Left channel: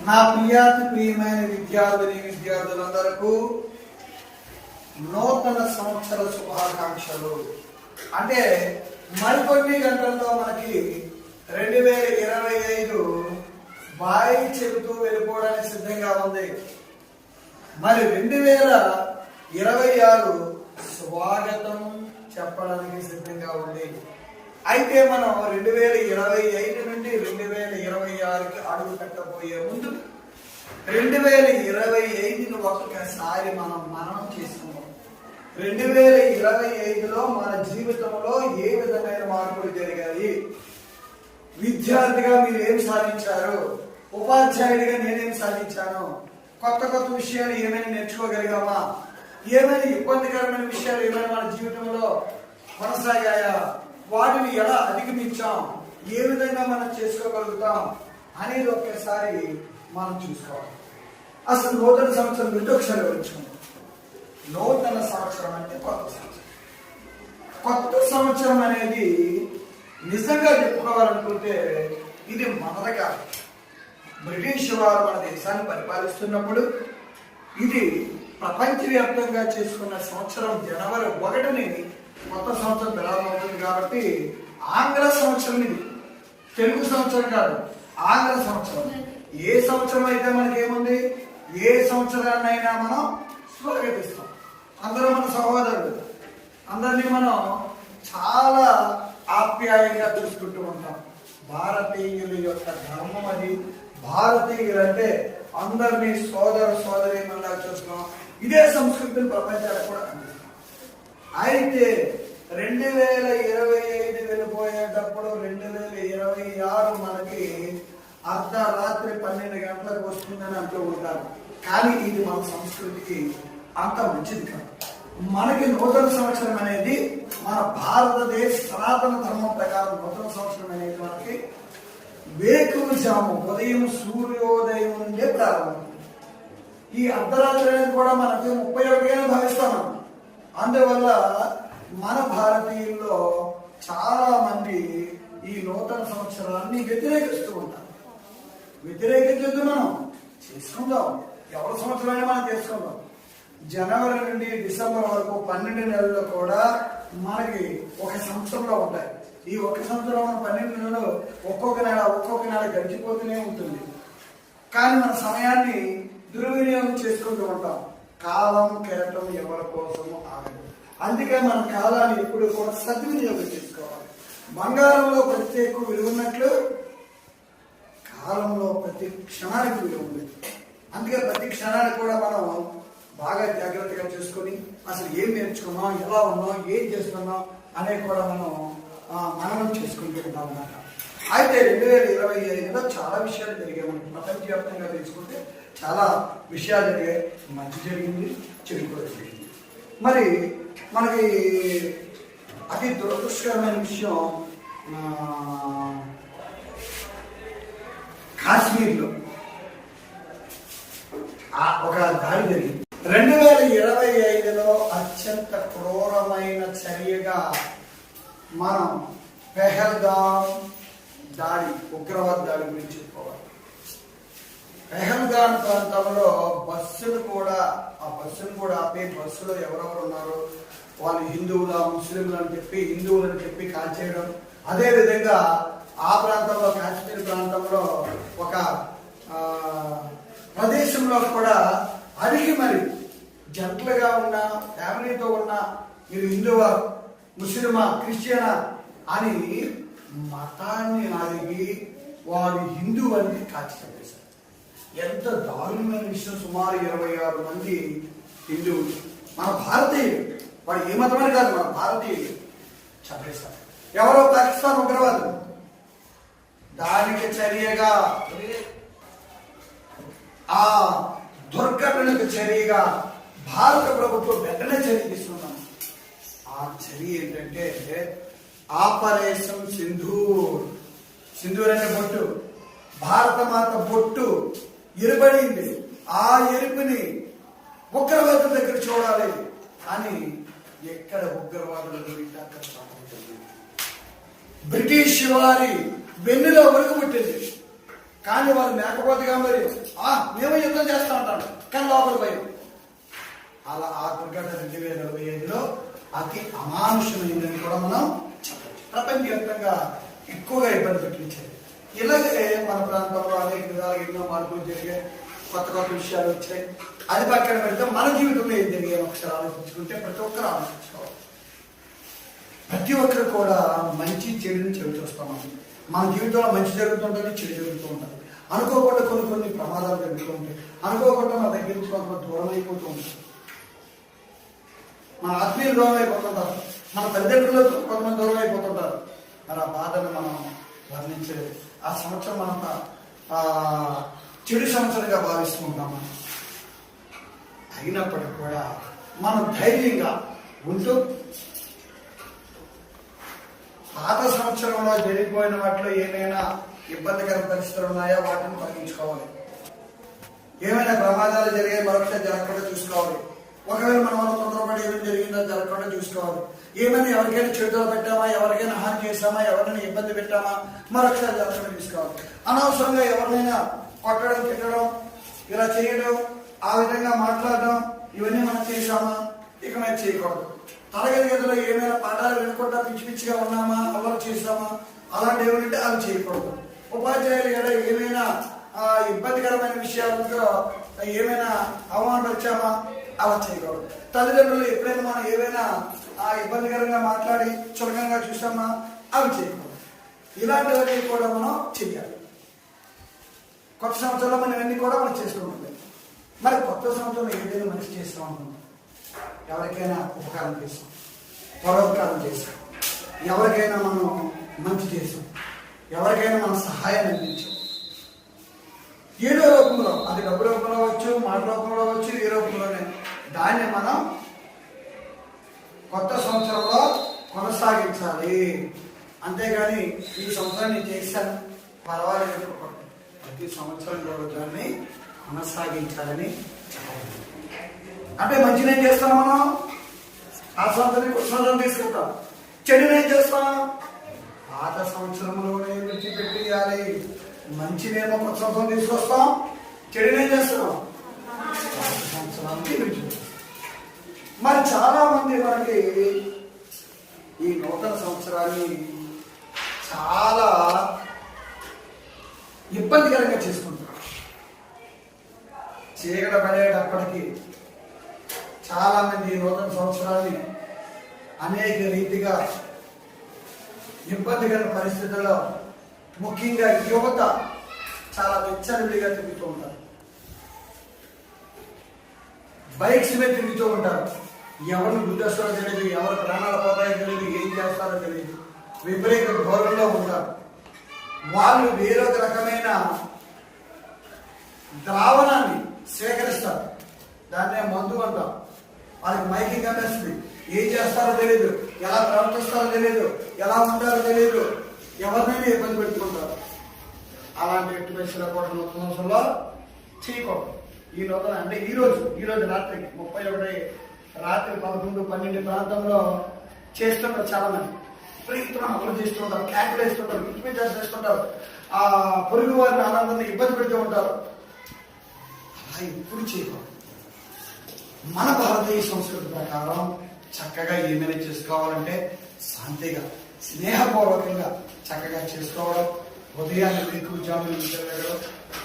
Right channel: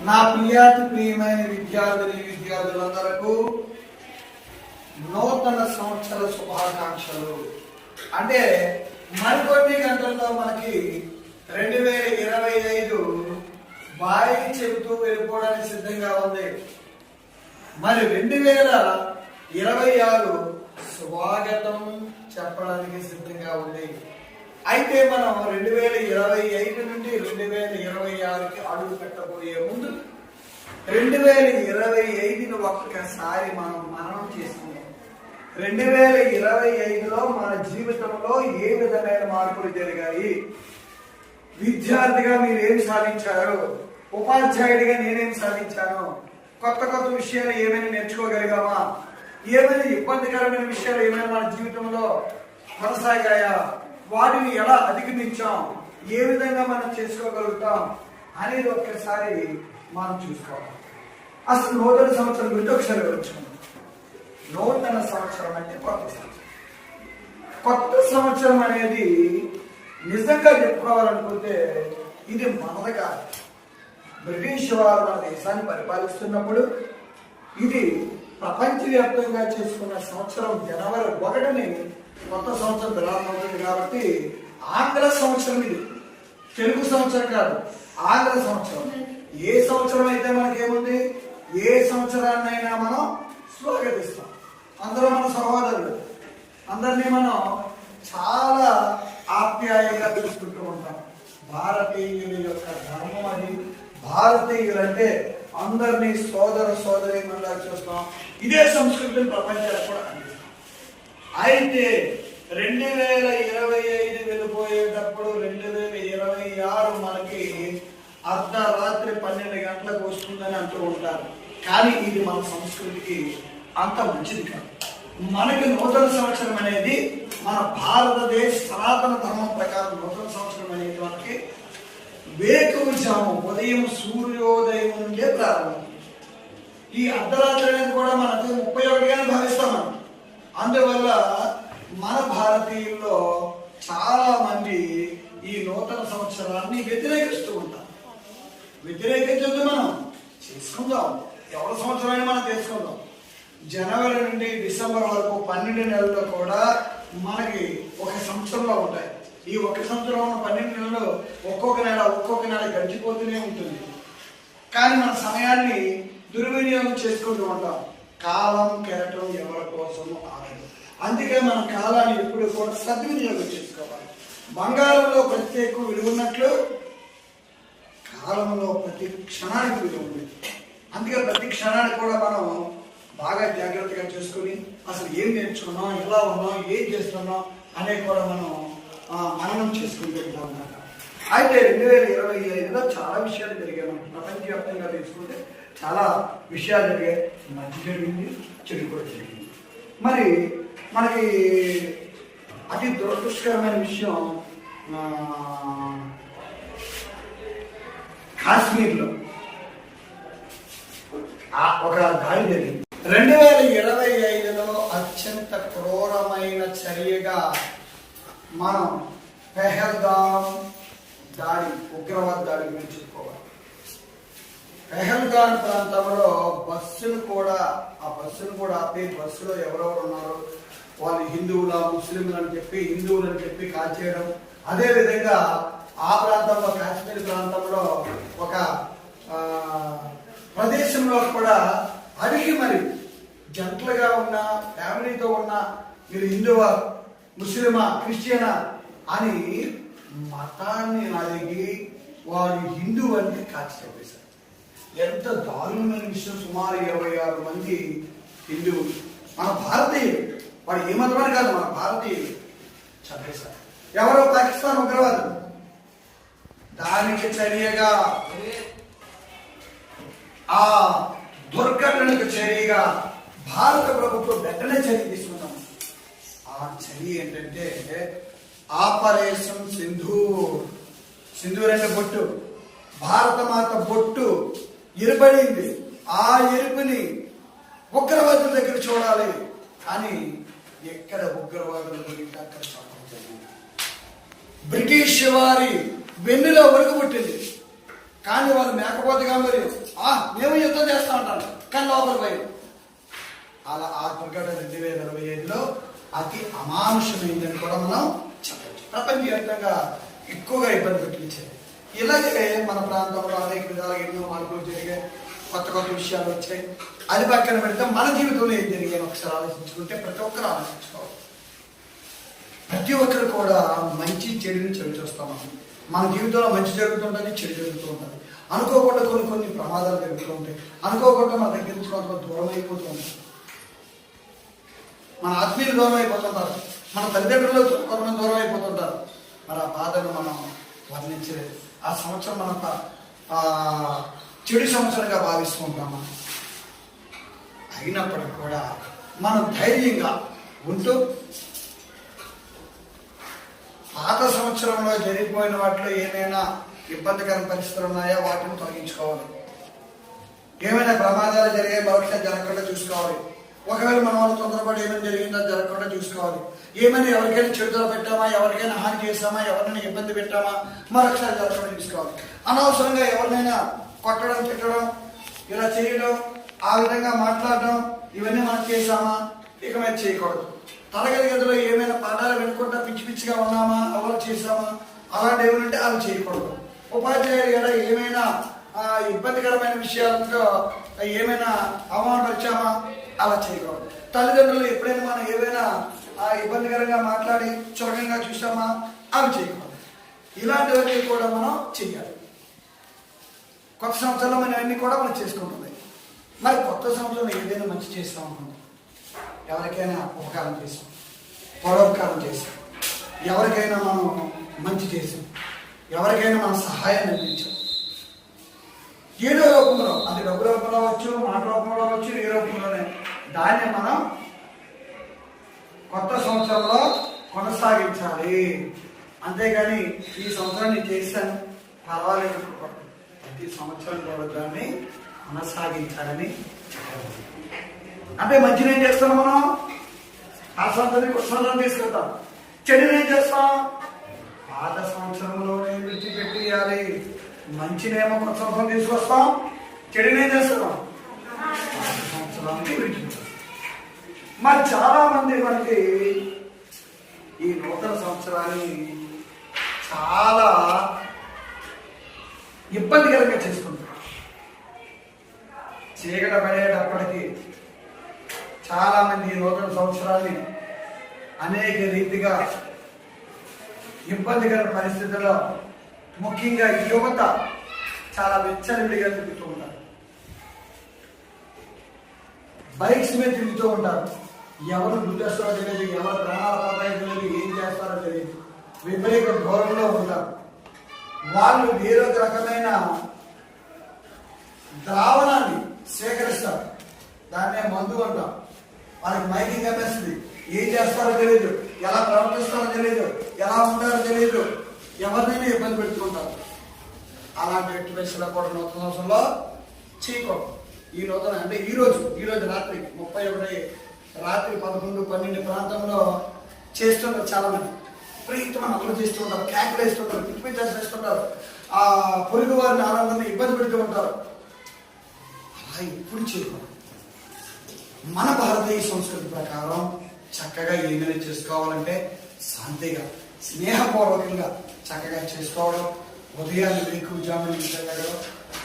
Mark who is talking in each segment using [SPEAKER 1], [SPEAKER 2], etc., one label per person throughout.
[SPEAKER 1] నా ప్రియాతి ప్రియమైన విద్యార్థిని విద్యార్థులందరకు నూతన సంవత్సర శుభాకాంక్షలు. అంటే మరికొన్ని గంటల్లో మనకి రెండు వేల ఇరవై ఐదు బాయి చెబుతూ వెళ్ళిపోవడానికి సిద్ధంగా ఉంది. మరి రెండు వేల ఇరవై ఆరు స్వాగతం చెప్పడానికి సిద్ధంగా ఉంది. అయితే మనం రెండు వేల ఇరవై ఐదు నుండి రెండు వేల ఇరవై ఆరుకి అడుగు పెట్టబోయే ముందు రెండు వేల ఇరవై ఐదును ఒక్కసారి మనం మరణం చేసుకుందాం. రెండు వేల ఇరవై ఐదులో మన జీవితంలో ఏ విధమైన మార్పులు జరిగాయి? విద్యార్థిగా మీరు ఏం సాధించారు? ఉపాధ్యాయుడిగా నేనేం సాధించాను? కొత్త కొత్త విషయాలు ఏమైనా నేర్చుకోగలిగామా? ఏమైనా ఇబ్బందికరమైన విషయాలు ఏమైనా మన జీవితంలో కొనసాగాయా? వాటిని ఎలా అధిగమించాం? ఏ విధంగా మనం చేసుకోగలుగుతాం? అనేది ఒక్కసారి మనం చూసుకోవాలి. అసలు నూతన సంవత్సరం గురించి ఒకసారి వివరించుకుందాం నూతన సంవత్సరం అంటే కొత్త సంవత్సరం. కొత్త సంవత్సరం అనేది నిజంగా చెప్పుకోవాలనుకుంటే ఇది మనది కాదు. బ్రిటిష్ వారు మన దేశాన్ని పరిపాలిస్తున్నప్పుడు ఇది ప్రపంచవ్యాప్తంగా చేసుకున్న సంవత్సరం జనవరి ఒకటిని కొత్త సంవత్సరం ప్రారంభమవుతుంది కాబట్టి ఆంగ్ల సంవత్సరం ఇది. తెలుగు సంవత్సరం కాదు ఆంగ్ల సంవత్సరం. ఏ సంవత్సరం అయితే మనకి ఏముంది? ఏ సంవత్సరాన్నైనా మనం స్వాగతిస్తాం. అందరూ మన సహోదరులు. అందరినీ మనం చాలా ఆప్యాయంగా చూసుకుంటూ ఉంటాం. భారతీయుల యొక్క ధర్మం అది. భారతీయులు అంటే అందరినీ సోదర సోదరి చూస్తాం. ఇదే సంస్కృతిని ప్రపంచానికి కూడా అందిస్తాం. అయితే రెండు వేల ఇరవై ఐదు వెళ్ళిపోయేటప్పుడు రెండు వేల ఇరవై ఆరు మనకి అర్ధరాత్రి పన్నెండు గంటలకు వస్తుందని అంటూ ఉంటారు. కానీ ఇది మన సంస్కృతికి అంత మంచిది కాదు. మనకి నూతన సంవత్సరం అనేది మన భారతదేశ సనాతన ధర్మం ప్రకారం నూతన సంవత్సరం అనేది మనకి వేకువజాము ఉదయం సూర్యోదయం నుండే ప్రారంభం. ఈ అర్ధరాత్రి అనేది కూడా మనకు ముప్పై ఒకటిగానే భావిస్తాం మనం. అందువల్ల మన భారతీయుల్లో చాలా మంది ఈ నూతన సంవత్సరాన్ని వ్యతిరేకిస్తూ ఉంటారు. వ్యతిరేకించద్దు మనం. చేసుకుందాం. ఎవరి సంవత్సరమైనా మనం చేసుకుందాం. జనవరి నుండి డిసెంబర్ వరకు పన్నెండు నెలల్లో కూడా మనకి ఒక సంవత్సరంలో ఉంటాయి. ఈ ఒక సంవత్సరం ఉన్న పన్నెండు నెలలు ఒక్కొక్క నెల ఒక్కొక్క నెల గడిచిపోతూనే ఉంటుంది. కానీ మన సమయాన్ని దుర్వినియోగం చేసుకుంటూ ఉంటాం. కాలం కెరటం ఎవరి కోసము ఆడదు అందుకే మన కాలాన్ని ఎప్పుడు కూడా సద్వినియోగం చేసుకోవాలి. బంగారంలో ప్రత్యేక విలువ ఉన్నట్లు కాలంలో ప్రతి క్షణానికి విలువ ఉంది అందుకే ప్రతి క్షణానికి కూడా మనం బాగా జాగ్రత్తగా చూసుకొని అసలు ఏం నేర్చుకున్నాం ఎలా ఉన్నాం ఏం చేస్తున్నాం అనేది కూడా మనం మననం చేసుకుంటూ ఉంటాం అన్నమాట. అయితే రెండు వేల ఇరవై ఐదులో చాలా విషయాలు జరిగాయి. మనకి ప్రపంచవ్యాప్తంగా తెలుసుకుంటే చాలా విషయాలు జరిగాయి. మంచి జరిగింది చెడు కూడా జరిగింది. మరి మనకి అతి దురదృష్టకరమైన విషయం కాశ్మీర్లో ఆ ఒక దాడి జరిగింది. రెండు వేల ఇరవై ఐదులో అత్యంత క్రూరమైన చర్యగా మనం పెహల్గాం దాడి ఉగ్రవాద దాడి గురించి చెప్పుకోవాలి. పెహల్గాం ప్రాంతంలో బస్సును కూడా ఆ బస్సును కూడా ఆపి బస్సులో ఎవరెవరు ఉన్నారో వాళ్ళు హిందువుల ముస్లింలు అని చెప్పి హిందువులు అని చెప్పి కాల్చేయడం అదేవిధంగా ఆ ప్రాంతంలో కాశ్మీర్ ప్రాంతంలో ఒక ప్రదేశంలో కూడా అడిగి మరి జంటలుగా ఉన్న ఫ్యామిలీతో ఉన్న మీరు హిందువా ముస్లిమా క్రిస్టియనా అని మతాన్ని అడిగి వాడు హిందువు అని కాల్చి చంపేశారు ఎంత దారుణమైన విషయం సుమారు ఇరవై ఆరు మంది హిందువులు. మన భారతీయులు. వాడు ఏ మతమని కాదు మన భారతీయులు. చంపేశారు. ఎవరో పాకిస్తాన్ ఉగ్రవాదులు దానికి చర్యగా ఆ దుర్ఘటనకు చర్యగా భారత ప్రభుత్వం వెంటనే చర్య తీసుకున్నాం ఆ చర్య ఏంటంటే ఆపరేషన్ సింధూర్. సింధూర్ అంటే బొట్టు. భారత మాత బొట్టు. ఎరుపడింది ఆ ఎరుపుని ఉగ్రవాదుల దగ్గర చూడాలి అని ఎక్కడ ఉగ్రవాదులు దొరికితే అక్కడ చంపడం బ్రిటిష్ వారి వెన్నులో ఒరుగు పుట్టింది. కానీ వాళ్ళు మేకపోతేగా మరి ఆ మేము యుద్ధం చేస్తా ఉంటాను కానీ లోపల భయం అలా ఆ దుర్ఘటన రెండు వేల ఇరవై ఐదులో అతి అమానుషమైందని కూడా మనం చెప్పచ్చు. ప్రపంచవ్యాప్తంగా ఎక్కువగా ఇబ్బంది పెట్టించింది ఇలాగే మన ప్రాంతంలో అనేక విధాలుగా ఎన్నో మార్పులు జరిగాయి. కొత్త కొత్త విషయాలు వచ్చాయి. అది పక్కన పెడితే మన జీవితంలో ఏం జరిగాయి ఒకసారి ఆలోచించుకుంటే ప్రతి ఒక్కరు ఆలోచించుకోవాలి. ప్రతి ఒక్కరు కూడా మంచి చెడుని చెవి చూస్తాం మనం. మన జీవితంలో మంచి జరుగుతుంటుంది చెడు జరుగుతూ ఉంటుంది. అనుకోకుండా కొన్ని కొన్ని ప్రమాదాలు జరుగుతూ ఉంటాయి. అనుకోకుండా మన దగ్గర నుంచి కొంత దూరం అయిపోతూ ఉంటాయి. మన ఆత్మీయులు దూరం అయిపోతుంటారు. మన తల్లిదండ్రులు కొంతమంది దూరం అయిపోతుంటారు. మరి ఆ బాధను మనం వర్ణించలేదు. ఆ సంవత్సరం మనం చెడు సంవత్సరంగా భావిస్తూ ఉంటాం మనం అయినప్పటికీ కూడా మనం ధైర్యంగా ఉంటూ పాత సంవత్సరంలో జరిగిపోయిన వాటిలో ఏమైనా ఇబ్బందికర పరిస్థితులు ఉన్నాయా? వాటిని తొలగించుకోవాలి. ఏమైనా ప్రమాదాలు జరిగాయి? మరొకటి జరగకుండా చూసుకోవాలి. ఒకవేళ మనం వల్ల తొందరపాటు ఏమైనా జరిగిందో జరగకుండా చూసుకోవాలి. ఏమైనా ఎవరికైనా చెడుదల పెట్టామా ఎవరికైనా హాని చేస్తామా ఎవరినైనా ఇబ్బంది పెట్టామా మరొకసారి జరగకుండా చూసుకోవాలి. అనవసరంగా ఎవరినైనా కొట్టడం తిట్టడం ఇలా చేయడం ఆ విధంగా మాట్లాడడం ఇవన్నీ మనం చేశామా? ఇక మీద చేయకూడదు. తరగతి గదిలో ఏమైనా పాఠాలు వినకుండా పిచ్చి పిచ్చిగా ఉన్నామా అమలు చేశామా అలాంటి ఉంటే అవి చేయకూడదు. ఉపాధ్యాయులు గారు ఏమైనా ఇబ్బందికరమైన విషయాలతో ఏమైనా అవమానపరిచామా? అలా చేయకూడదు. తల్లిదండ్రులు ఎప్పుడైనా మనం ఏవైనా ఆ, ఇబ్బందికరంగా మాట్లాడి చులకంగా చూసామా? అవి చేయకూడదు. ఇలాంటివన్నీ కూడా మనం చెయ్యాలి. కొత్త సంవత్సరంలో మనం అన్ని కూడా మనం చేసుకుంటుంది. మరి కొత్త సంవత్సరంలో ఏదైనా మంచి చేస్తాం అనుకుంటాం ఎవరికైనా ఉపకారం చేసాం పరోపకారం చేసాం ఎవరికైనా మనం మంచి చేసాం ఎవరికైనా మనం సహాయం అందించాం. ఏదో రూపంలో అది డబ్బు రూపంలో అవ్వచ్చు మాట రూపంలో అవ్వచ్చు ఏ రూపంలోనే. దాన్ని మనం కొత్త సంవత్సరంలో కొనసాగించాలి. అంతేగాని ఈ సంవత్సరాన్ని చేశాను. పర్వాలేదు ప్రతి సంవత్సరం కూడా దాన్ని కొనసాగించాలని అంటే మంచిని ఏం చేస్తాం మనం? ఆ సంవత్సరం కొత్త సంవత్సరం తీసుకుంటాం. చెడుని ఏం చేస్తాం? పాత సంవత్సరంలోనే విడిచిపెట్టేయాలి. మంచినేమో కొత్త సంవత్సరం తీసుకొస్తాం. చెడుని ఏం చేస్తాం? పాత సంవత్సరానికి విడిచిపెడతాం మరి చాలా మంది మనకి ఈ నూతన సంవత్సరాన్ని చాలా ఇబ్బందికరంగా చేసుకుంటారు చీకట పడేటప్పటికి చాలా మంది ఈ నూతన సంవత్సరాన్ని అనేక రీతిగా ఇబ్బందికర పరిస్థితుల్లో ముఖ్యంగా యువత చాలా విచ్చలవిడిగా తిరుగుతూ ఉంటారు. బైక్స్ మీద తిరుగుతూ ఉంటారు. ఎవరు గుర్తొస్తారో తెలియదు ఎవరు ప్రాణాలు పోతాయో తెలియదు ఏం చేస్తారో తెలియదు. విపరీత ధోరణిలో ఉంటారు. వాళ్ళు వేరొక రకమైన ద్రావణాన్ని సేకరిస్తారు. దాన్నే మందు అంటాం. వాళ్ళకి మైకింగ్ అమ్మేస్తుంది ఏం చేస్తారో తెలియదు. ఎలా ప్రవర్తిస్తారో తెలియదు. ఎలా ఉంటారో తెలియదు. ఎవరినైనా ఇబ్బంది పెట్టుకుంటారు. అలాంటి ఎట్టువేసులో కూడా నూతన సంవత్సరంలో చేయకూడదు. ఈ నూతన అంటే ఈరోజు ఈరోజు ఈ రోజు రాత్రి ముప్పై ఒకటి రాత్రి పదకొండు పన్నెండు ప్రాంతంలో చేస్తుంటారు చాలా మంది విపరీతమైన అమలు చేస్తుంటారు క్యాకులు వేస్తుంటారు పిచ్చి పిచ్చి చేస్తుంటారు ఆ పొరుగు వారిని ఆనందాన్ని ఇబ్బంది పెడుతూ ఉంటారు. అలా ఎప్పుడు చేయకూడదు. మన భారతీయ సంస్కృతి ప్రకారం చక్కగా ఏమైనా చేసుకోవాలంటే శాంతిగా స్నేహపూర్వకంగా చక్కగా చేసుకోవడం ఉదయాన్నే మీకు ఉద్యోగం నిద్రలేగడం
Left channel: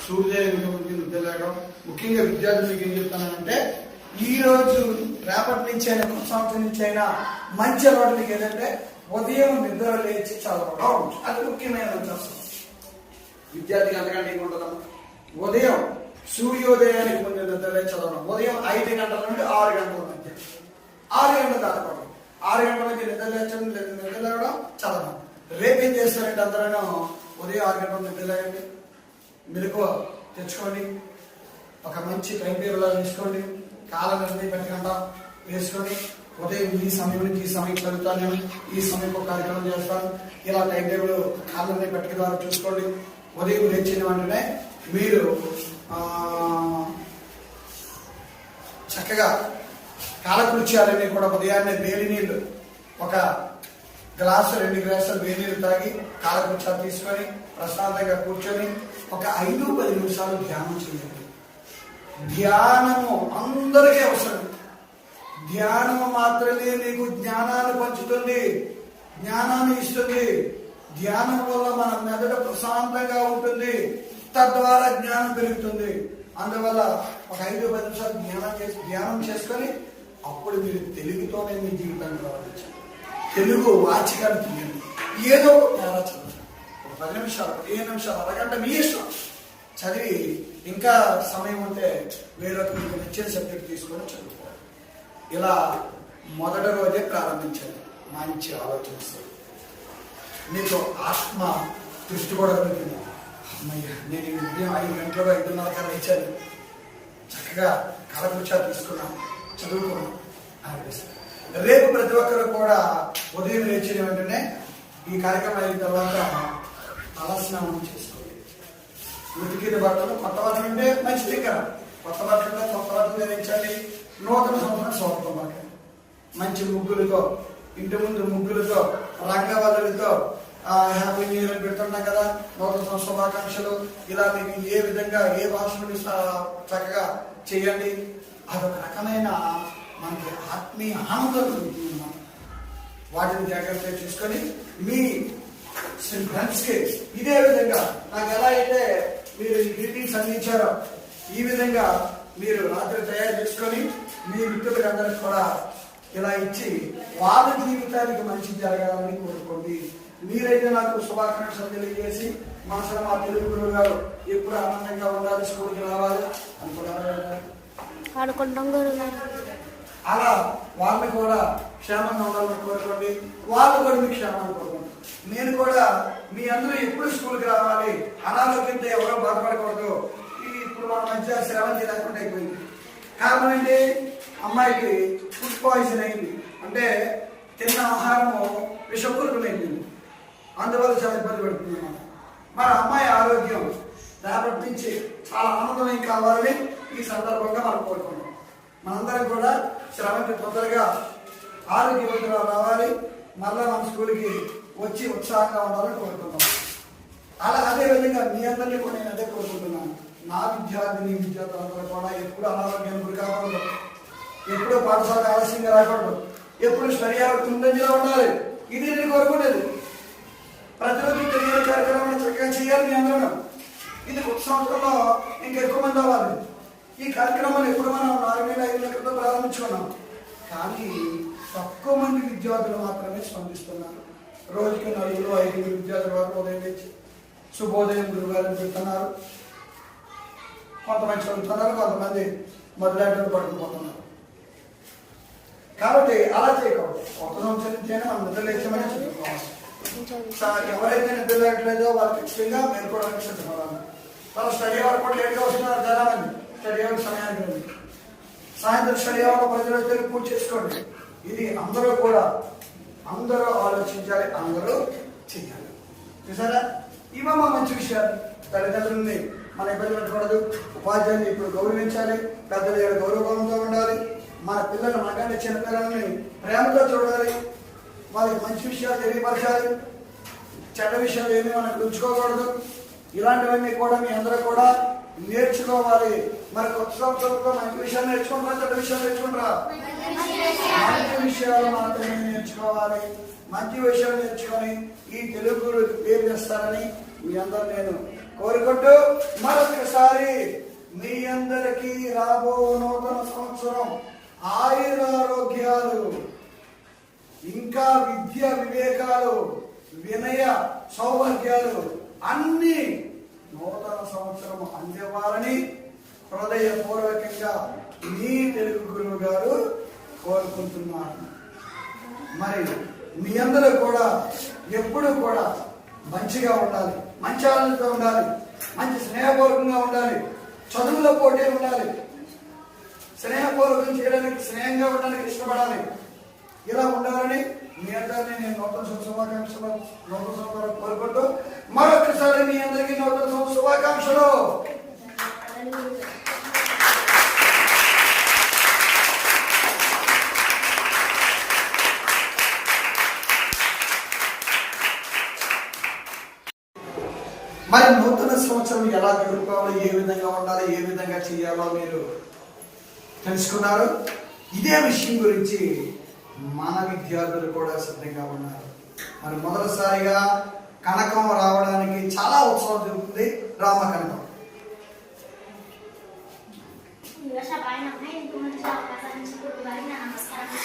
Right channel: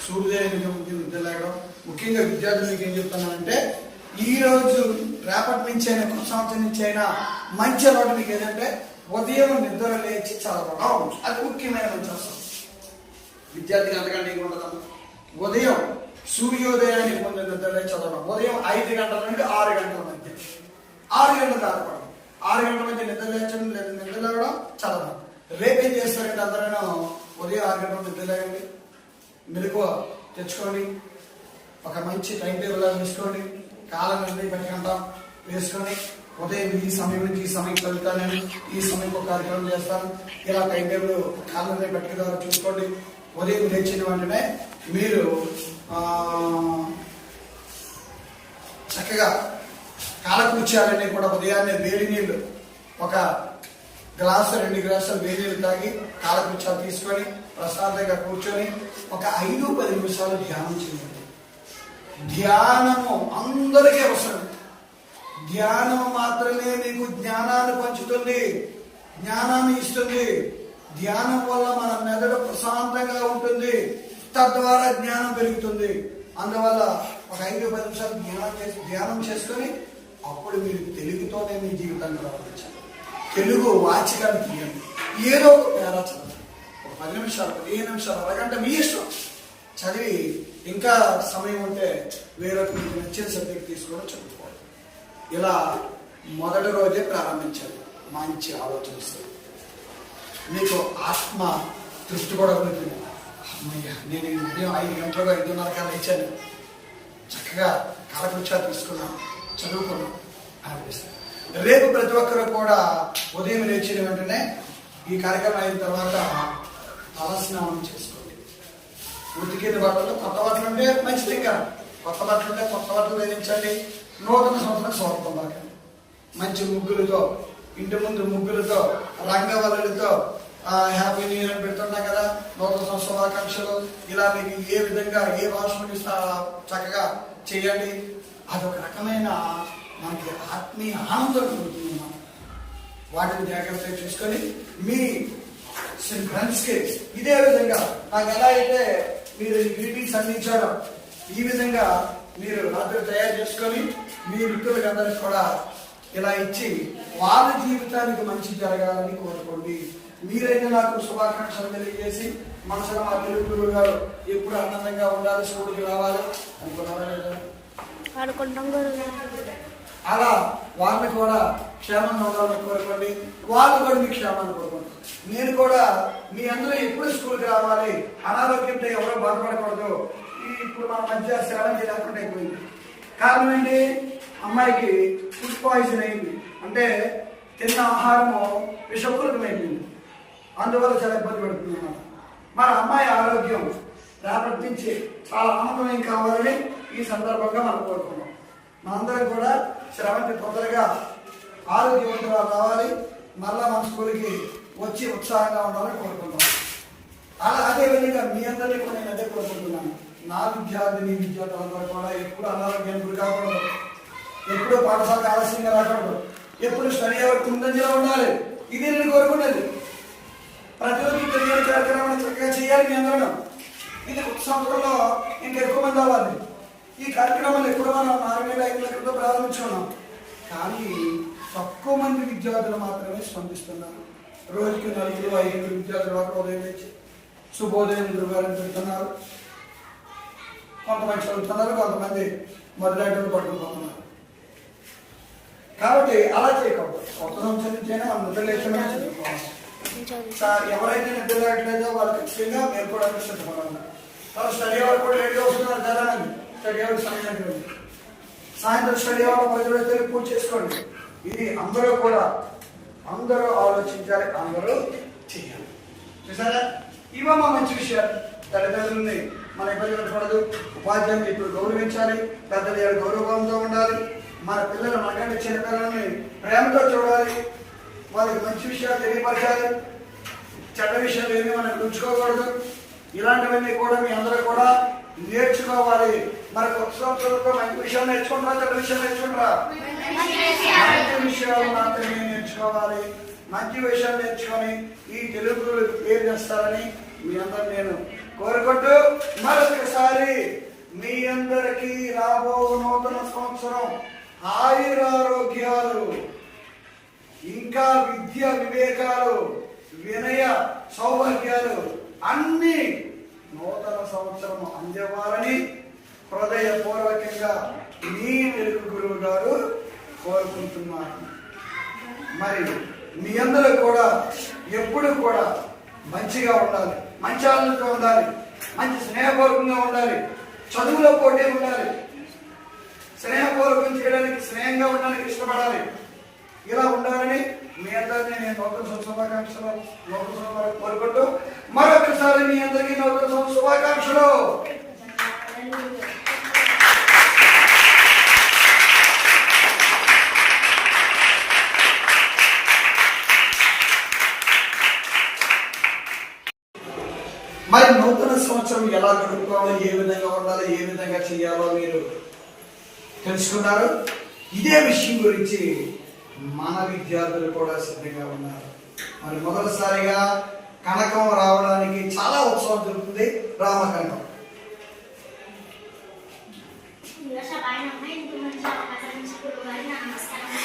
[SPEAKER 1] సూర్యోదయం నిద్రలేగడం ముఖ్యంగా విద్యార్థులకు ఏం చెప్తున్నానంటే ఈ రోజు రేపటి నుంచి అయినా కొత్త సంవత్సరం నుంచి అయినా మంచి అలవాటు మీకు ఏదంటే ఉదయం నిద్ర లేచి చదవడం అది ముఖ్యమైన మంచి అవసరం విద్యార్థికి అంతకంటే ఉంటుందమ్మా ఉదయం సూర్యోదయానికి ముందు లేచి చదవడం ఉదయం ఐదు గంటల నుండి ఆరు గంటల మధ్య ఆరు గంటల దాకా ఆరు గంటల మధ్య నిద్ర లేచడం లేదా నిద్ర లేవడం చదవడం. రేపేం చేస్తారంటే అందరూ ఉదయం ఆరు గంటల నిద్ర లేయండి. మెలకు తెచ్చుకోండి. ఒక మంచి టైం టేబుల్ తీసుకోండి. కాలం అన్ని పెట్టకుండా వేసుకొని ఉదయం ఈ సమయం ఈ సమయం చదువుతాను నేను. ఈ సమయం కార్యక్రమం చేస్తాను. ఇలా టైం టేబుల్ కాలం పెట్టుకున్నారు చూసుకోండి. ఉదయం తెచ్చిన వెంటనే మీరు చక్కగా కాలకృత్యాలన్నీ కూడా ఉదయాన్నే వేడి నీళ్ళు ఒక గ్లాసు రెండు గ్లాసులు వేడి నీళ్ళు తాగి కాలకృత్యాలు తీసుకొని ప్రశాంతంగా కూర్చొని ఒక ఐదు పది నిమిషాలు ధ్యానం చేయండి. ధ్యానము అందరికీ అవసరం. ధ్యానం మాత్రమే మీకు జ్ఞానాన్ని పంచుతుంది జ్ఞానాన్ని ఇస్తుంది. ధ్యానం వల్ల మన మెదడు ప్రశాంతంగా ఉంటుంది తద్వారా జ్ఞానం పెరుగుతుంది. అందువల్ల ఒక ఐదు పది నిమిషాలు ధ్యానం చేసి ధ్యానం చేసుకొని అప్పుడు మీరు తెలుగుతోనే మీ జీవితాన్ని ప్రారంభించాలి తెలుగు వాచికాన్ని తీయండి. ఏదో ఒక పేరా చదవండి ఒక పది నిమిషాలు పదిహేను నిమిషాలు అరగంట మీ ఇష్టం. చదివి ఇంకా సమయం ఉంటే వేరొక మీకు నచ్చిన సబ్జెక్ట్ తీసుకొని చదువుకోవాలి. ఇలా మొదటి రోజే ప్రారంభించాలి. మంచి ఆలోచన మీకు ఆత్మ తృప్తి కూడా ఉంది అమ్మయ్యా నేను ఈ ఉదయం ఐదు గంటలకు ఐదున్నర కల్లా ఇచ్చాను చక్కగా కాలకృత్యాలు తీసుకున్నాను. చదువుకున్నాను. అనిపిస్తుంది. రేపు ప్రతి ఒక్కరు కూడా ఉదయం లేచిన వెంటనే ఈ కార్యక్రమం అయిన తర్వాత తలస్నానం చేసుకోండి ఉతికిన బట్టలు కొత్త బట్టలు ఉంటే మంచిది కదా కొత్త బట్టలు ఉంటే కొత్త బట్టలు ధరించండి. నూతన సంవత్సరం స్వాగతం పలకండి మంచి ముగ్గులతో ఇంటి ముందు ముగ్గులతో రంగవల్లులతో హ్యాపీ న్యూ ఇయర్ అని పెడుతున్నాం కదా. నూతన సంవత్సర శుభాకాంక్షలు ఇలా మీకు ఏ విధంగా ఏ భాషలో చక్కగా చేయండి. అదొక రకమైన మనకి ఆత్మీయ ఆనందం కలుగుతుంది అన్నమాట. వాటిని జాగ్రత్తగా చూసుకొని మీ ఫ్రెండ్స్కి ఇదే విధంగా నాకు ఎలా అయితే మీరు ఈ గ్రీటింగ్స్ అందించారో ఈ విధంగా మీరు రాత్రి తయారు చేసుకొని మీ మిత్రులకు అందరికి కూడా ఇలా ఇచ్చి వాళ్ళ జీవితానికి మంచి జరగాలని కోరుకోండి. మీరైతే నాకు శుభాకాంక్షలు తెలియజేసి మనసులో మా తెలుగు గురువు గారు ఎప్పుడు ఆనందంగా ఉండాలి స్కూల్కి రావాలి. అనుకున్నారా?
[SPEAKER 2] ఆడుకుంటాం గురుగారు
[SPEAKER 1] అలా వాళ్ళని కూడా క్షేమంగా ఉండాలని కోరుకోండి. వాళ్ళు కూడా మీ క్షేమాన్ని కోరుకోండి. నేను కూడా మీ అందరూ ఎప్పుడు స్కూల్కి రావాలి అనారోగ్యంతో ఎవరో బాధపడకూడదు. ఇప్పుడు మన మధ్య సెలవుకి లేకుండా అయిపోయింది. కారణం ఏంటి? అమ్మాయికి ఫుడ్ పాయిజన్ అయింది. అంటే తిన్న ఆహారము విషపూరితమైంది అందువల్ల చాలా ఇబ్బంది పడుతుంది అన్నమాట. మన అమ్మాయి ఆరోగ్యం రేపటి నుంచి చాలా ఆనందమయం కావాలని ఈ సందర్భంగా మనం కోరుకున్నాం మనందరం కూడా శ్రవంతి తొందరగా ఆరోగ్యవంతులు రావాలి. మళ్ళా మన స్కూల్కి వచ్చి ఉత్సాహంగా ఉండాలని కోరుకుంటాం అలా అదేవిధంగా మీ అందరినీ కూడా నేను అదే కోరుకుంటున్నాను. నా విద్యార్థిని విద్యార్థులందరూ కూడా ఎప్పుడు అనారోగ్యానికి గురి కాకూడదు. ఎప్పుడు పాఠశాలకు ఆలస్యంగా రాకూడదు. ఎప్పుడు స్టడీ అవర్ ఉండాలి. ఇది నేను కోరుకునేది. ప్రతిరోజు ఈ తెలియని కార్యక్రమాన్ని చక్కగా చేయాలి మీ అందరం. ఇది ఒక సంవత్సరంలో ఇంకా ఎక్కువ మంది అవ్వాలి. ఈ కార్యక్రమాన్ని ఎప్పుడు మనం నాలుగు వేల ఐదు లక్షలతో ప్రారంభించుకున్నాం. కానీ తక్కువ మంది విద్యార్థులు మాత్రమే స్పందిస్తున్నారు. రోజుకి నలుగురు ఐదుగురు విద్యార్థులు మాత్రం ఉదయం లేచి శుభోదయం గురువారం పెడుతున్నారు. కొంతమంది చదువుతున్నారు కొంతమంది మొదలైన పట్టుకుపోతున్నారు కాబట్టి అలా చేయకూడదు. కొత్త సంవత్సరం నుంచైనా మనం నిద్ర లేచమని చదువుకోవాలి. ఎవరైతే నిద్ర లేకలేదో వాళ్ళకి ఖచ్చితంగా మీరు కూడా సిద్ధపడాలి. తన స్టడీ అవర్ కూడా లేట్గా వస్తున్నారు చాలా మంది స్టడీ సమయానికి ఉంది. సాయంత్రం స్టడీ అవర్ ప్రజలు పూజ చేసుకోండి. ఇది అందరూ కూడా అందరూ ఆలోచించాలి అందరూ చేయాలి చూసారా? మా మంచి విషయాలు తల్లిదండ్రులని మన ఇబ్బంది పెట్టకూడదు ఉపాధ్యాయులు ఇప్పుడు గౌరవించాలి. పెద్దలు ఏడు గౌరవంతో ఉండాలి. మన పిల్లలు మనకంటే చిన్న పిల్లల్ని ప్రేమతో చూడాలి. వాళ్ళకి మంచి విషయాలు తెలియపరచాలి. చెడ్డ విషయాలు ఏమీ మనం ఉంచుకోకూడదు ఇలాంటివన్నీ కూడా మీ అందరూ కూడా నేర్చుకోవాలి. మనకు ఒక సంవత్సరంలో మంచి విషయాలు నేర్చుకుంటారా చెడ్డ విషయాలు నేర్చుకుంటారా? మంచి విషయాలు మాత్రమే నేర్చుకోవాలి. మంచి విషయాలు నేర్చుకొని ఈ తెలుగు పేరు చేస్తారని మీ అందరు నేను కోరుకుంటూ మరొకసారి మీ అందరికీ రాబో నూతన సంవత్సరం ఆయురారోగ్యాలు ఇంకా విద్య వివేకాలు వినయ సౌభాగ్యాలు అన్నీ నూతన సంవత్సరం అందేవారని హృదయపూర్వకంగా మీ తెలుగు గురువు గారు కోరుకుంటున్నాను మరి మీ అందరూ కూడా ఎప్పుడు కూడా మంచిగా ఉండాలి. మంచి ఆలోచనతో ఉండాలి. మంచి స్నేహపూర్వకంగా ఉండాలి. చదువులో పోటీ ఉండాలి. స్నేహపూర్వకం చేయడానికి స్నేహంగా ఉండడానికి ఇష్టపడాలి. ఇలా ఉండాలని మీ అందరినీ నేను నూతన శుభాకాంక్షలు నూతన సంవత్సరాలు కోరుకుంటూ మరొకసారి మీ అందరికీ నూతన శుభాకాంక్షలు. మరి నూతన సంవత్సరం ఎలా గడుపుకోవాలి? ఏ విధంగా ఉండాలి? ఏ విధంగా చేయాలో మీరు తెలుసుకున్నారు? ఇదే విషయం గురించి మన విద్యార్థులు కూడా సిద్ధంగా ఉన్నారు. మరి మొదటిసారిగా కనకం రావడానికి చాలా ఉత్సవం జరుగుతుంది రామ కనకం
[SPEAKER 2] ఇంత మంచి అవకాశం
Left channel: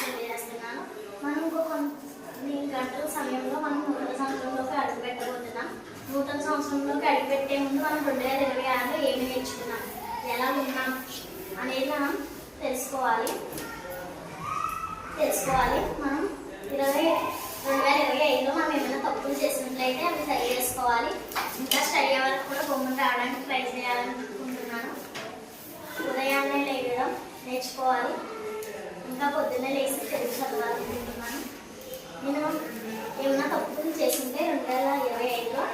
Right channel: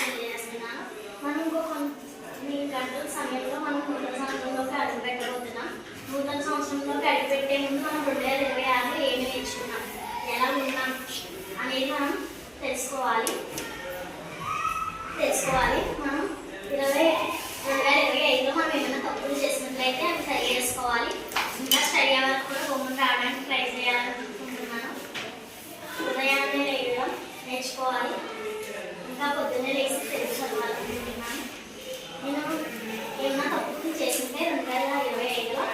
[SPEAKER 2] తెలియజేస్తున్నాను మనం ఇంకో కొన్ని గంటల సమయంలో మనం నూతన సంవత్సరంలోకి అడుగు పెట్టబోతున్నాం నూతన సంవత్సరంలోకి అడుగు పెట్టే ముందు మనం రెండు వేల ఇరవై ఆరులో ఏమి నేర్చుకున్నాం? ఎలా ఉన్నాం? అనేది మనం తెలుసుకోవాలి. తెలుసుకోవాలి. మనం ఇరవై రెండు వేల ఇరవై ఐదులో మనం ఏమైనా తప్పులు చేసినట్లయితే అవి సరి చేసుకోవాలి. ఇంకా స్టడీ అవర్కి కూడా బొమ్మను రావడానికి ట్రై చేయాలని అనుకుంటున్నాను ఉదయాన్నే లేయడం నేర్చుకోవాలి. ఇంకా పొద్దున్నే లేచి తెలుగు చదవాలనుకుంటున్నాను. నేను ఏమైనా తప్పులు చేసింటే రెండు వేల ఇరవై ఐదులో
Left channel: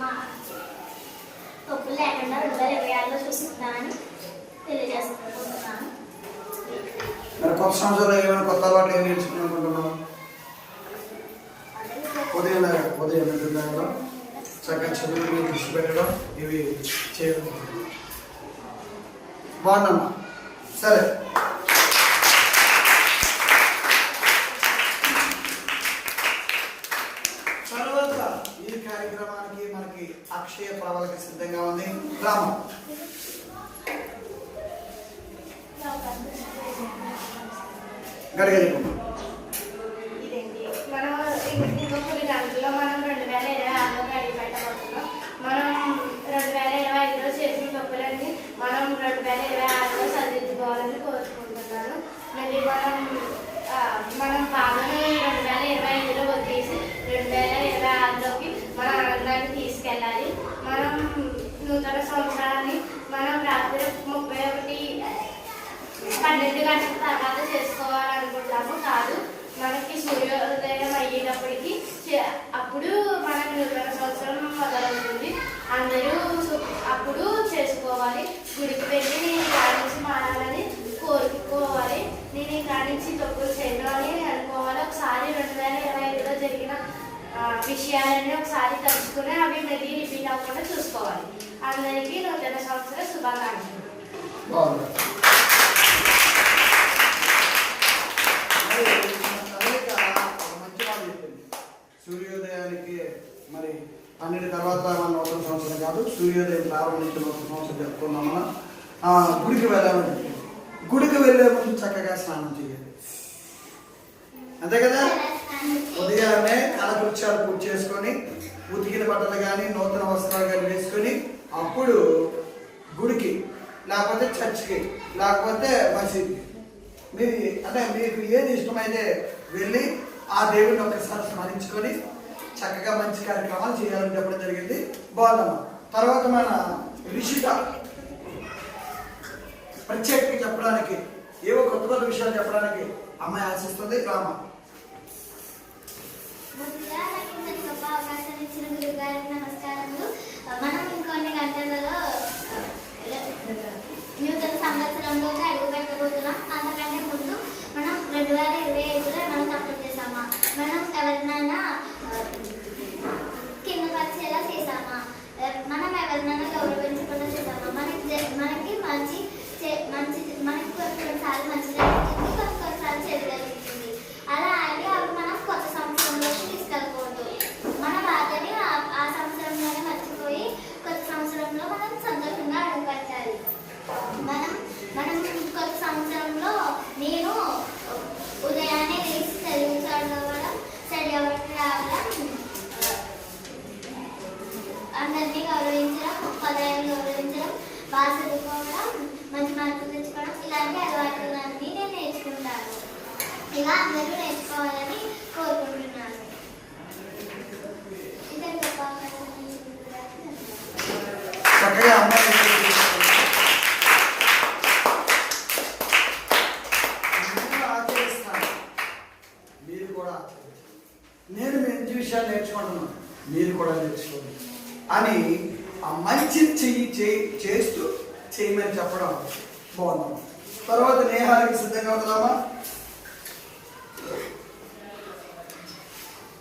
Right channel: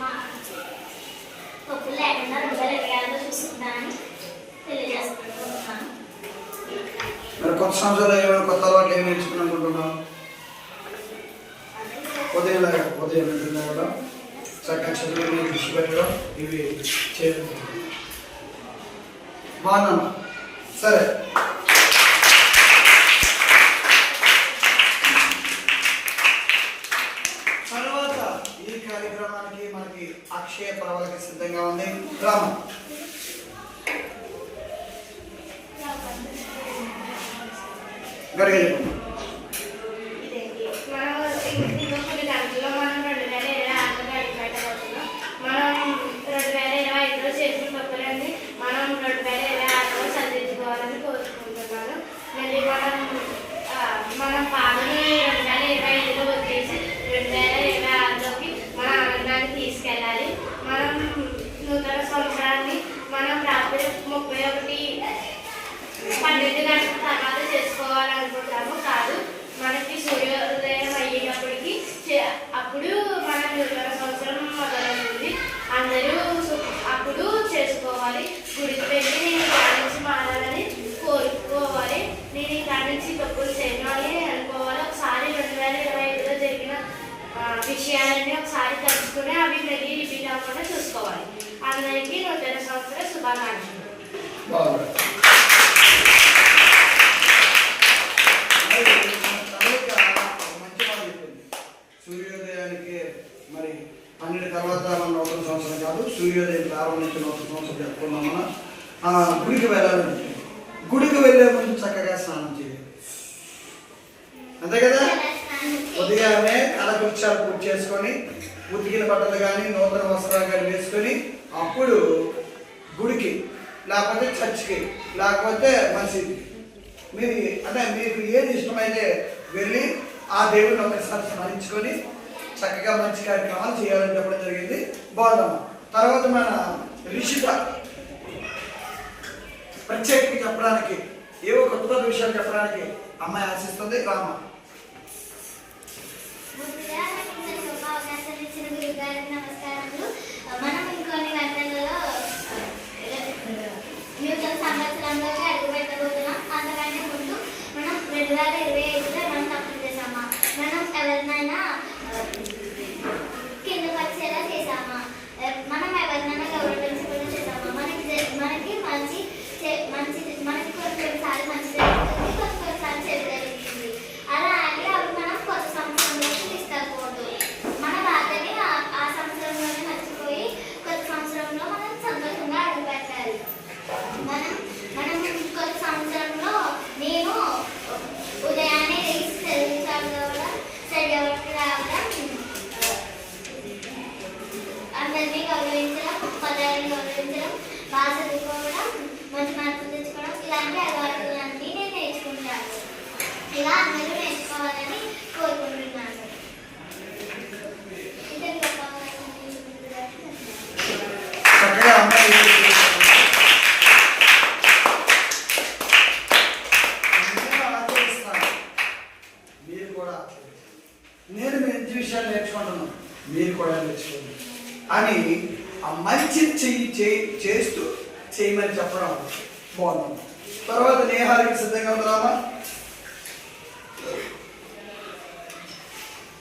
[SPEAKER 2] మా తప్పులు లేకుండా రెండు వేల ఇరవై ఆరులో చూసుకుంటానని తెలియజేస్తున్నాను
[SPEAKER 1] మరి కొత్త సంవత్సరంలో ఏమైనా కొత్త అలవాట్లు ఏమి నేర్చుకుని అనుకుంటున్నాం ఉదయం ఉదయం నిద్రలో చక్కగా చదువు మీద దృష్టి పెట్టడం ఇవి చేయడం. బాగున్నామా సరే తర్వాత ఈ కార్యక్రమానికి మనకి అక్షయ ప్రావళిక సిద్ధంగా ఉంది రామ గడిగడి
[SPEAKER 3] మనం ఇంకో కొన్ని గంటల్లో మనం రెండు వేల ఇరవై ఆరులో అడుగు పెట్టబోతున్నాం మనం రెండు వేల ఇరవై ఐదులో చేసిన తప్పులన్నీ మనం రెండు వేల ఇరవై ఆరులో సరిదిద్దుకోవాలని కోరుకుంటున్నాను మళ్ళీ మనం ఆ, మనం బాధని రెండు వేల ఇరవై ఐదులో వదిలేసి రెండు వేల ఇరవై ఆరులోకి మన ఆనందాన్ని తీసుకెళ్ళాలి. మనం నూతన సంవత్సరాన్ని మనం రాత్రి ముప్పై ఒకటి పన్నెండు గంటల తర్వాత చేసుకోవాలనుకుంటాము. కాదు మనకి సూర్యోదయం అయ్యేటప్పటికి చే- అప్పుడు మనం నూతన సంవత్సరం మొదలవుతుంది. అందరూ అప్పుడు చేసుకోవాలి. గుడికి వెళ్ళి నేను ఇక్కడ నుంచి మారాలని కోరుకోవాలి. నేను ఇక్కడ నుంచి తప్పులు చేయను అని అనుకోవాలి. ఒకసారి రెండు వేల ఇరవై ఐదులో జరిగిన విషయాలన్నీ ఒకసారి తెలుసుకుని అవి మళ్ళీ రిపీట్ అవ్వకుండా చూసుకోవాలి. అందరికీ నూతన సంవత్సర శుభాకాంక్షలు
[SPEAKER 1] బాగుంది మరి తల్లిక ఒక మంచి మాట చెప్పింది సూర్యోదయానికి మరి పన్నెండు తర్వాత మన నూతన సంవత్సరం కాదు సూర్యోదయం ప్రారంభించిన నూతన సంవత్సరం చెప్పుకున్నాం మనం. ఆ, గుడికి వెళ్ళాలని గుడికి వెళ్ళే ముందు చక్కగా స్నానం చేయాలి. అంతే కదా? ఉదయాన్నే అలకృత్యాలు పూర్తి చేసుకొని ఉతికిన బట్టలు కానీ నూతన వస్త్రాలు కానీ వేసుకొని అప్పుడు గుడికి లేకపోతే చర్చికి లేకపోతే మసీద్కి. మీరు అంటే మీకు ఏది ఇష్టమైతే వెళ్ళి ఆ దేవుడిని ఒకసారి స్మరించుకొని చక్కగా మంచి కార్యక్రమాలు చేయాలని చెప్పడం జరిగింది. బాగుందమ్మా. తర్వాత మన రిషిత ప్రత్యేకంగా చెప్పడానికి ఏవో కొత్త కొత్త విషయాలు చెప్పడానికి అమ్మాయి ఆశిస్తుంది. రామ.
[SPEAKER 2] ముందుగా నాకు మనం ఇంకొన్ని గంటలలో నూతన సంవత్సరంలోకి అడుగు పెట్టబోతున్నాం అంతకంటే ముందు మనం రెండు. వేల ఇరవై ఐదులో మనం తప్పులు చేసామా మనం ఎవరినైనా ఆ, కింద పరిచేలా చేసామా ఆ, మనం ఎవరినైనా గౌరవించకుండా చేసామా మనకి జ- మనకి మంచి చే- మంచి మనకి కొన్ని కొన్నిసార్లు మంచి జరుగుతుంది కొన్ని కొన్నిసార్లు చెడు జరుగుతుంది అలా అని అవి మనం కొత్త సంవత్సరంలోకి తీసుకెళ్ళకూడదు మన బాధని ఆ- ఆ సంవత్సరంలోనే మర్చిపోయి కొత్త సంవత్సరంలో మనం సంతోషంగా అడుగు పెట్టాలి మనం మనం కొత్త సంవత్సరంలో నేను ఉదయాన్నే లేచి తెలుగు చదవడం స్టడీ అవర్కి రావడం అందరినీ గౌరవించడం పదాలను గౌరవించడం బాగా చదువుకోవడం మంచి మార్కులు తెచ్చుకోవడం ఇలాంటి అలవాట్లన్నీ నేను నేర్చుకుంటాను ఇలా అందరూ నేర్చుకోవాలని కోరుకుంటున్నాను ఇదే గొప్ప అవకాశం ఇచ్చినందుకు
[SPEAKER 1] చక్కగా అమ్మాయి మీరు ఆచరిస్తాను మీరు కూడా ఆచరించండి నేను మంచి విషయాలు నేర్చుకుంటున్నాను మీరు కూడా నేర్చుకోండి అని ఆ మంచి చెయ్యి చేయి చేస్తూ చేయమని చెప్పడం బాగుందమ్మా తర్వాత నేహానికి సిద్ధంగా ఉందామా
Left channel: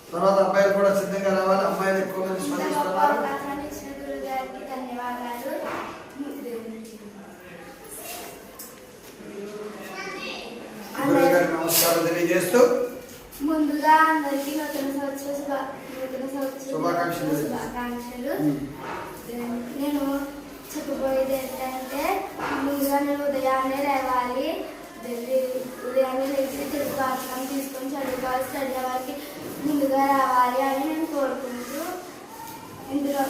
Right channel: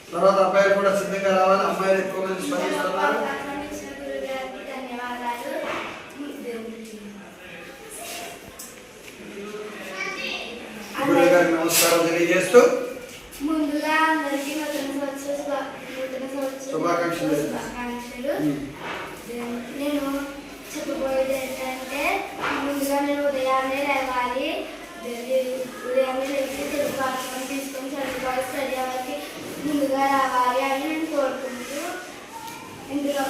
[SPEAKER 1] తర్వాత అబ్బాయిలు కూడా సిద్ధంగా రావాలి అమ్మాయిలు ఎక్కువ మంది శ్రమిస్తున్నారు
[SPEAKER 3] అవకాశం ఇచ్చిన
[SPEAKER 4] ధన్యవాదాలు
[SPEAKER 1] గురువు గారికి నమస్కారం తెలియజేస్తూ
[SPEAKER 4] ముందుగా అందరికీ నూతన సంవత్సర నూతన సంవత్సర
[SPEAKER 1] శుభాకాంక్షలు.
[SPEAKER 4] నేను చెప్పబోయేది ఏంటంటే ముందుగా నేను ఉదయాన్నే లేవాలి. ఉదయాన్నే లేచి తెలుగు వార్తకం తీసుకొని చదువుకోవాలి. స్టడీ అవర్కి ముందుగా రావాలి అని నేను కోరుకుంటూ ఇందులో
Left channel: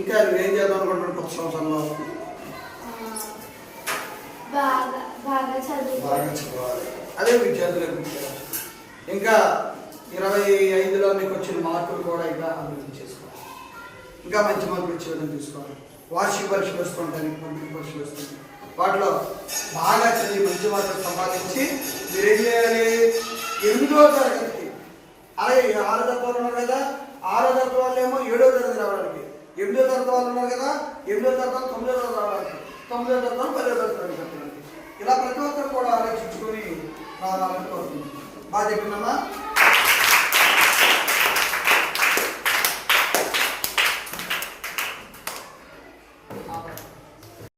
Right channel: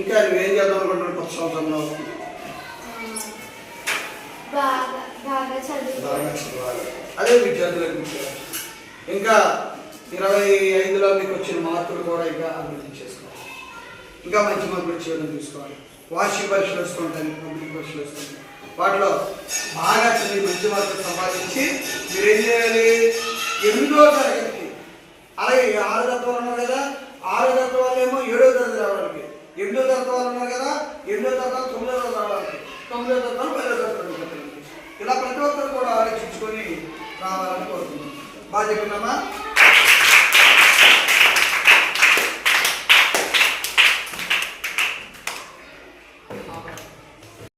[SPEAKER 1] ఇంకా నువ్వేం చేద్దాం అనుకుంటున్నావు కొత్త సంవత్సరంలో?
[SPEAKER 4] బాగా బాగా
[SPEAKER 1] చదవాలి అదే విద్యార్థులకు ముఖ్యం. ఇంకా ఇరవై ఐదులో మీకు వచ్చిన మార్కులు కూడా ఇంకా అభివృద్ధి చేసుకోవాలి. ఇంకా మంచి మార్కులు చేయడం తీసుకోవాలి. వార్షిక పరీక్షలు వస్తుంటాయి పంపిణీ పరీక్షలు వస్తుంటాయి. వాటిలో బాగా చదివి మంచి మార్కులు సంపాదించి మీరు ఏం చేయాలి? ఎనిమిదో తరగతి అలాగే ఆరో తరగతి వాళ్ళు ఉన్నారు కదా. ఆరో తరగతి వాళ్ళు ఏమో ఏడో తరగతి రావడానికి. ఎనిమిదో తరగతి వాళ్ళు ఉన్నారు కదా. ఎనిమిదో తరగతి తొమ్మిదో తరగతి రావడానికి. తొమ్మిదో తరగతి పదో తరగతి రావడానికి. ఇలా ప్రతి ఒక్కరు కూడా ఆలోచించుకొని రావాలని కోరుతున్నాం బాగా చెప్పినామా?